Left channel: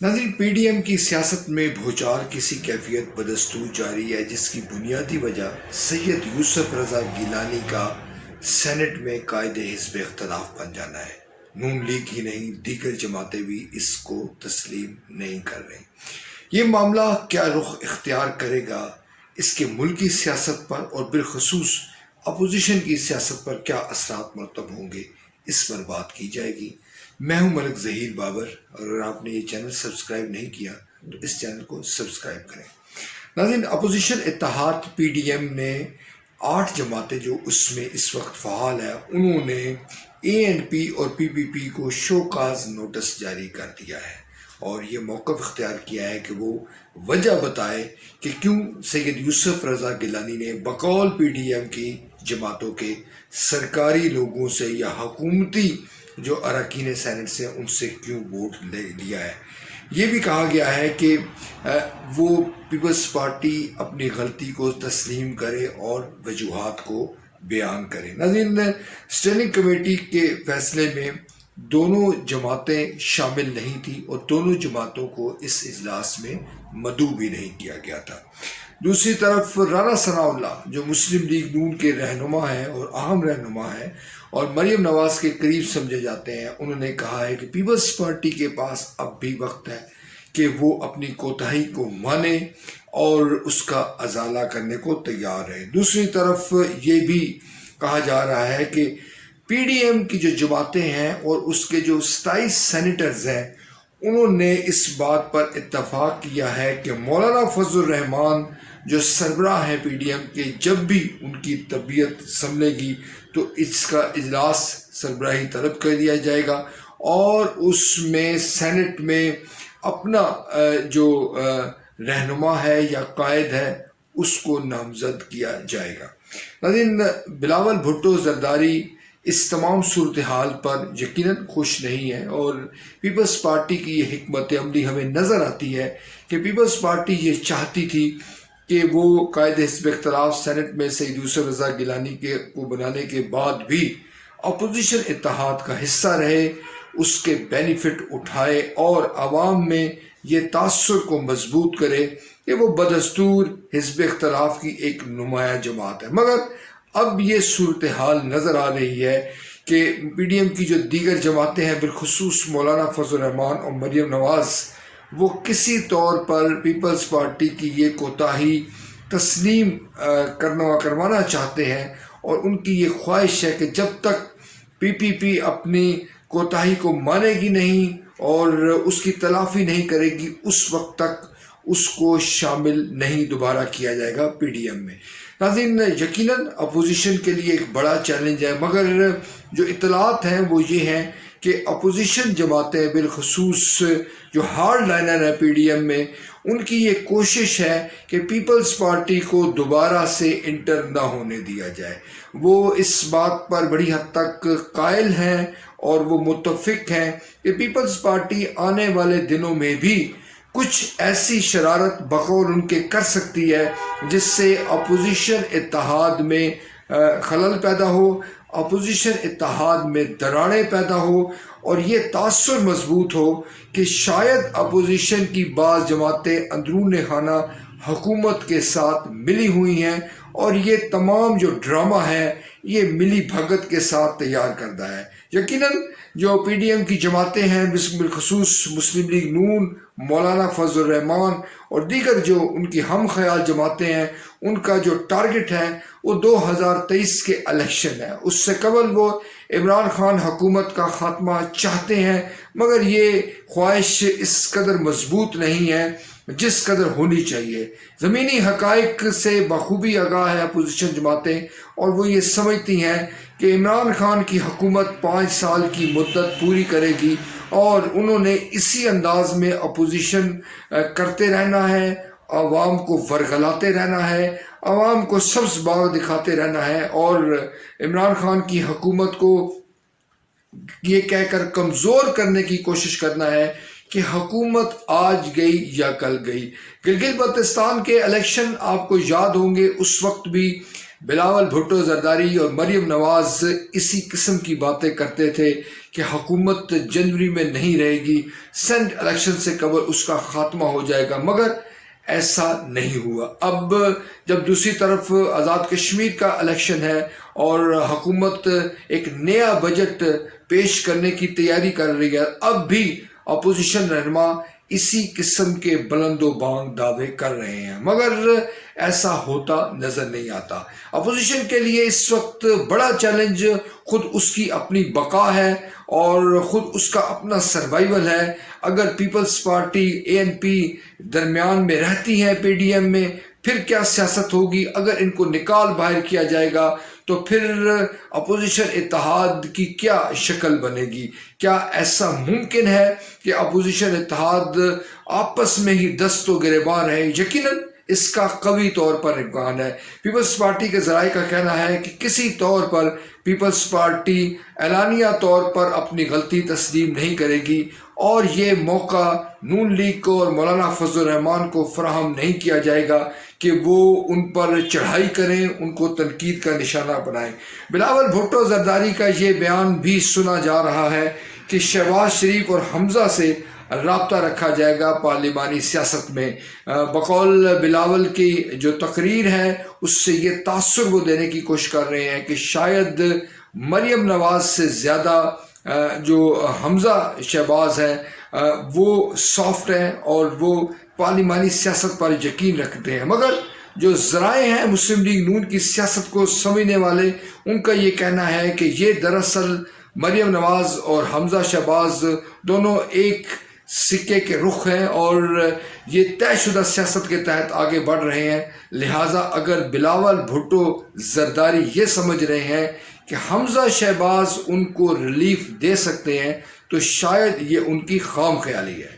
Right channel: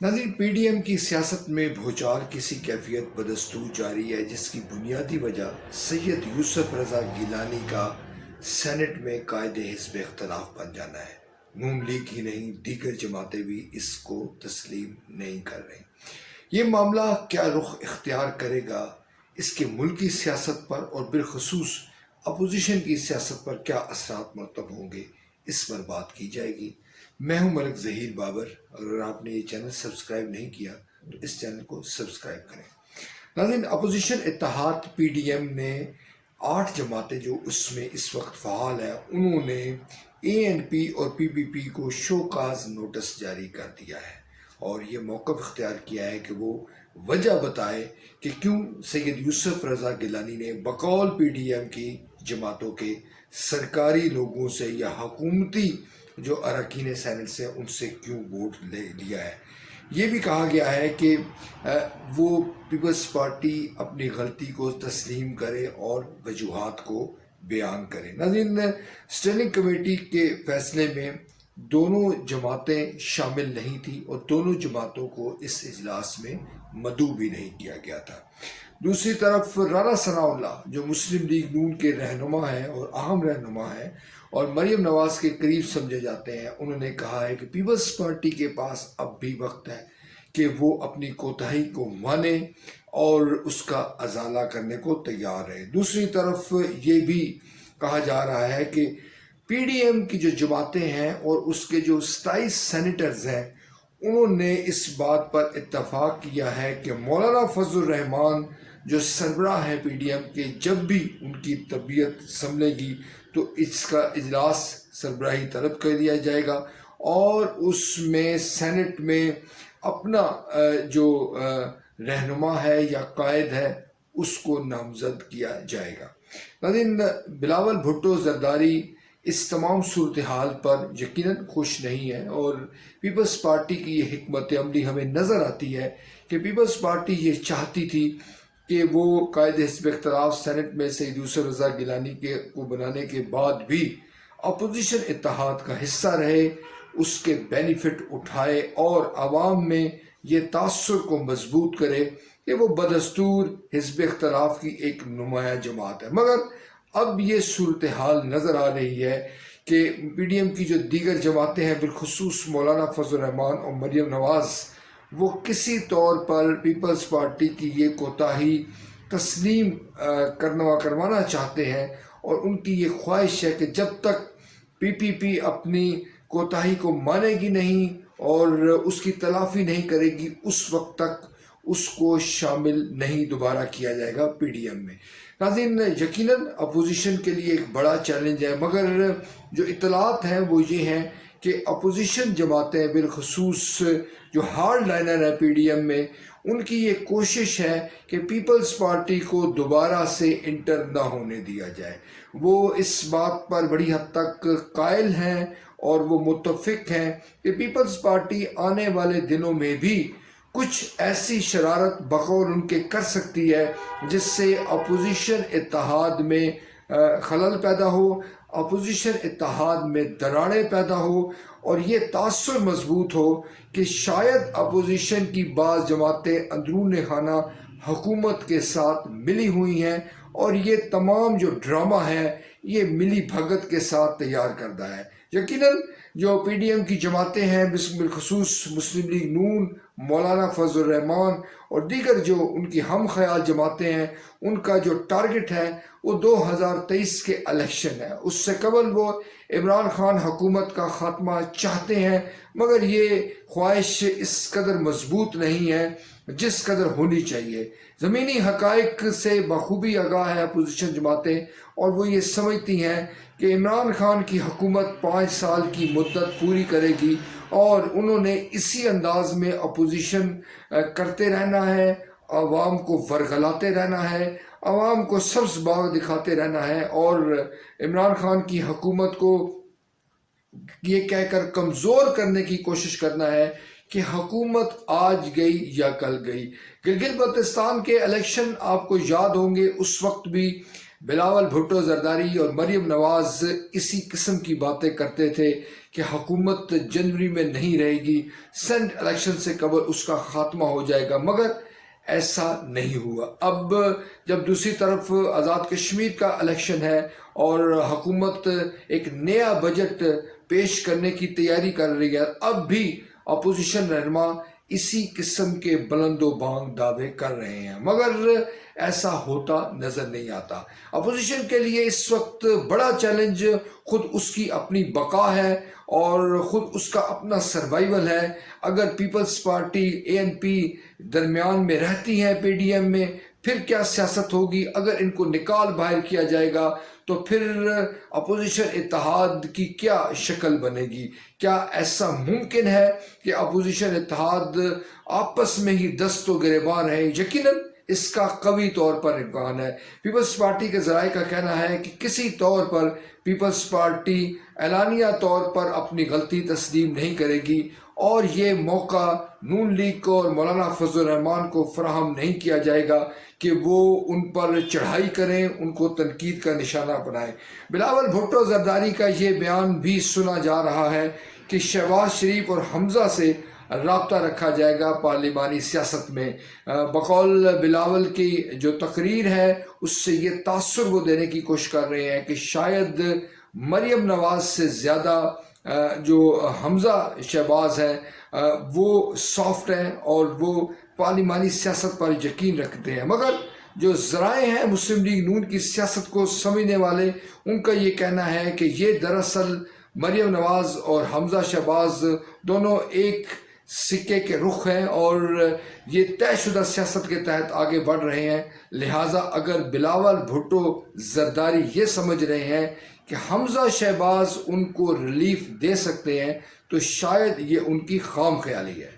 ناظرین، P D M کی سیاست میں بھوچال کسی کیفیت بدستور جاری ہے، جس کی بنیادی وجہ سید یوسف رضا گیلانی کا سینٹ میں قائد حزب اختلاف بن جانا ہے۔ نون لیگ ہی نہیں، دیگر جماعتیں بھی اس کو تسلیم نہیں کر رہی۔ یہ معاملہ کیا رخ اختیار کرے گا، اس کے ملکی سیاست پر اور بالخصوص اپوزیشن کی سیاست پر کیا اثرات مرتب ہوں گے، اس پر بات کی جائے گی۔ میں ہوں ملک ظہیر بابر، اور اگر آپ نے یہ چینل سبسکرائب نہیں کیا تو اس چینل کو سبسکرائب کریں۔ ناظرین، اپوزیشن اتحاد پی ڈی ایم نے 8 جماعتیں جو اس میں اس وقت فعال ہیں، انہوں نے اے این پی اور پی پی پی کو شو کاز نوٹس جاری کر دیا ہے اور یہ موقف اختیار کیا ہے کہ وہ وجہ بتائے کہ کیوں سید یوسف رضا گیلانی نے بقول پی ڈی ایم کی جماعتوں کے سرکاری لوگوں سے یا حکومتی جو اراکین سینٹ سے ان سے کیوں ووٹ لے لیا ہے۔ یہ بھی کہا گیا ہے کہ وہ پیپلز پارٹی اپنی غلطی کو تسلیم کرے اور وجوہات کو بیان کرے۔ ناظرین، اسٹینڈنگ کمیٹی کے فیصلے میں دونوں جماعتیں شامل نہیں تھیں اور دونوں جماعتوں کو اس اجلاس میں مدعو بھی نہیں کیا گیا تھا۔ دوسری طرف رانا ثناء اللہ جو مسلم لیگ نون کے رہنما ہیں اور اہم رہنما ہیں اور مریم نواز کے قریب سمجھے جاتے ہیں، انہوں نے کہا ہے کہ پیپلز پارٹی کے پاس اب بھی وقت ہے کہ وہ اپنی کوتاہی کو مانے اور اس کا ازالہ کرنے کو تیار ہے۔ دوسری طرف یہ بھی کہا جا رہا ہے کہ پی ڈی ایم کی جو جماعتیں ہیں اور اس کے جو 27 سینیٹرز ہیں، انہوں نے اس بات پر اتفاق کیا ہے کہ مولانا فضل الرحمان جو سربراہ ہیں پی ڈی ایم کے، جب بھی ان کی طبیعت سنبھلے گی تو اس کا اجلاس سربراہی طلب کر دیا جائے گا اور اس میں سینٹ میں اپنا جو رہنما ہے یا قائد ہے اس کو نامزد کیا جائے گا۔ ناظرین، بلاول بھٹو زرداری اس تمام صورتحال پر یقیناً خوش نہیں ہے اور پیپلز پارٹی کی یہ حکمت عملی ہمیں نظر آتی ہے کہ پیپلز پارٹی یہ چاہتی تھی کہ وہ قائد حزب اختلاف سینٹ میں سید یوسف رضا گیلانی کو بنانے کے بعد بھی اپوزیشن اتحاد کا حصہ رہے، اس کے بینیفٹ اٹھائے اور عوام میں یہ تاثر کو مضبوط کرے کہ وہ بدستور حزب اختلاف کی ایک نمایاں جماعت ہے۔ مگر اب یہ صورتحال نظر آ رہی ہے کہ پی ڈی ایم کی جو دیگر جماعتیں ہیں، بالخصوص مولانا فضل الرحمان اور مریم نواز، وہ کسی طور پر پیپلز پارٹی کی یہ کوتاہی تسلیم کروانا چاہتے ہیں اور ان کی یہ خواہش ہے کہ جب تک پی پی پی اپنی کوتاہی کو مانے گی نہیں اور اس کی تلافی نہیں کرے گی، اس وقت تک اس کو شامل نہیں دوبارہ کیا جائے گا پی ڈی ایم میں۔ ناظرین، یقیناً اپوزیشن کے لیے ایک بڑا چیلنج ہے، مگر جو اطلاعات ہیں وہ یہ ہیں کہ اپوزیشن جماعتیں بالخصوص جو ہارڈ لائنر ہیں پی ڈی ایم میں، ان کی یہ کوشش ہے کہ پیپلز پارٹی کو دوبارہ سے انٹر نہ ہونے دیا جائے۔ وہ اس بات پر بڑی حد تک قائل ہیں اور وہ متفق ہیں کہ پیپلز پارٹی آنے والے دنوں میں بھی کچھ ایسی شرارت بقول ان کے کر سکتی ہے جس سے اپوزیشن اتحاد میں خلل پیدا ہو، اپوزیشن اتحاد میں دراڑیں پیدا ہو اور یہ تاثر مضبوط ہو کہ شاید اپوزیشن کی بعض جماعتیں اندرون خانہ حکومت کے ساتھ ملی ہوئی ہیں اور یہ تمام جو ڈرامہ ہے یہ ملی بھگت کے ساتھ تیار کردہ ہے۔ یقیناً جو پی ڈی ایم کی جماعتیں ہیں، بالخصوص مسلم لیگ نون، مولانا فضل الرحمان اور دیگر جو ان کی ہم خیال جماعتیں ہیں، ان کا جو ٹارگٹ ہے وہ 2023 کے الیکشن ہے۔ اس سے قبل وہ عمران خان حکومت کا خاتمہ چاہتے ہیں، مگر یہ خواہش اس قدر مضبوط نہیں ہے جس قدر ہونی چاہیے۔ زمینی حقائق سے بخوبی آگاہ ہے اپوزیشن جماعتیں اور وہ یہ سمجھتی ہیں کہ عمران خان کی حکومت 5 سال کی مدت پوری کرے گی اور انہوں نے اسی انداز میں اپوزیشن کرتے رہنا ہے، عوام کو ورغلاتے رہنا ہے، عوام کو سبز باغ دکھاتے رہنا ہے اور عمران خان کی حکومت کو یہ کہہ کر کمزور کرنے کی کوشش کرنا ہے کہ حکومت آج گئی یا کل گئی۔ گلگت بلتستان کے الیکشن آپ کو یاد ہوں گے، اس وقت بھی بلاول بھٹو زرداری اور مریم نواز اسی قسم کی باتیں کرتے تھے کہ حکومت جنوری میں نہیں رہے گی، سینٹ الیکشن سے قبل اس کا خاتمہ ہو جائے گا، مگر ایسا نہیں ہوا۔ اب جب دوسری طرف آزاد کشمیر کا الیکشن ہے اور حکومت ایک نیا بجٹ پیش کرنے کی تیاری کر رہی ہے، اب بھی اپوزیشن رہنما اسی قسم کے بلند و بانگ دعوے کر رہے ہیں، مگر ایسا ہوتا نظر نہیں آتا۔ اپوزیشن کے لیے اس وقت بڑا چیلنج خود اس کی اپنی بقا ہے اور خود اس کا اپنا سروائیول ہے۔ اگر پیپلز پارٹی ANP درمیان میں رہتی ہے PDM میں، پھر کیا سیاست ہوگی؟ اگر ان کو نکال باہر کیا جائے گا تو پھر اپوزیشن اتحاد کی کیا شکل بنے گی؟ کیا ایسا ممکن ہے کہ اپوزیشن اتحاد آپس میں ہی دست و گریباں رہے؟ یقیناً اس کا قوی طور پر امکان ہے۔ پیپلز پارٹی کے ذرائع کا کہنا ہے کہ کسی طور پر پیپلز پارٹی اعلانیہ طور پر اپنی غلطی تسلیم نہیں کرے گی اور یہ موقع نون لیگ کو اور مولانا فضل الرحمان کو فراہم نہیں کیا جائے گا کہ وہ ان پر چڑھائی کریں، ان کو تنقید کا نشانہ بنائیں۔ بلاول بھٹو زرداری کا یہ بیان بھی سنا جا رہا ہے کہ شہباز شریف اور حمزہ سے رابطہ رکھا جائے گا پارلیمانی سیاست میں۔ بقول بلاول کی جو تقریر ہے اس سے یہ تاثر وہ دینے کی کوشش کر رہے ہیں کہ شاید مریم نواز سے زیادہ جو حمزہ شہباز ہے وہ سافٹ ہیں اور وہ پارلیمانی سیاست پر یقین رکھتے ہیں، مگر جو ذرائع ہیں مسلم لیگ نون کی سیاست کو سمجھنے والے، ان کا یہ کہنا ہے کہ یہ دراصل مریم نواز اور حمزہ شہباز دونوں ایک سکے کے رخ ہیں اور یہ طے شدہ سیاست کے تحت آگے بڑھ رہے ہیں۔ لہٰذا اگر بلاول بھٹو زرداری یہ سمجھ رہے ہیں کہ حمزہ شہباز ان کو ریلیف دے سکتے ہیں تو شاید یہ ان کی خام خیالی ہے۔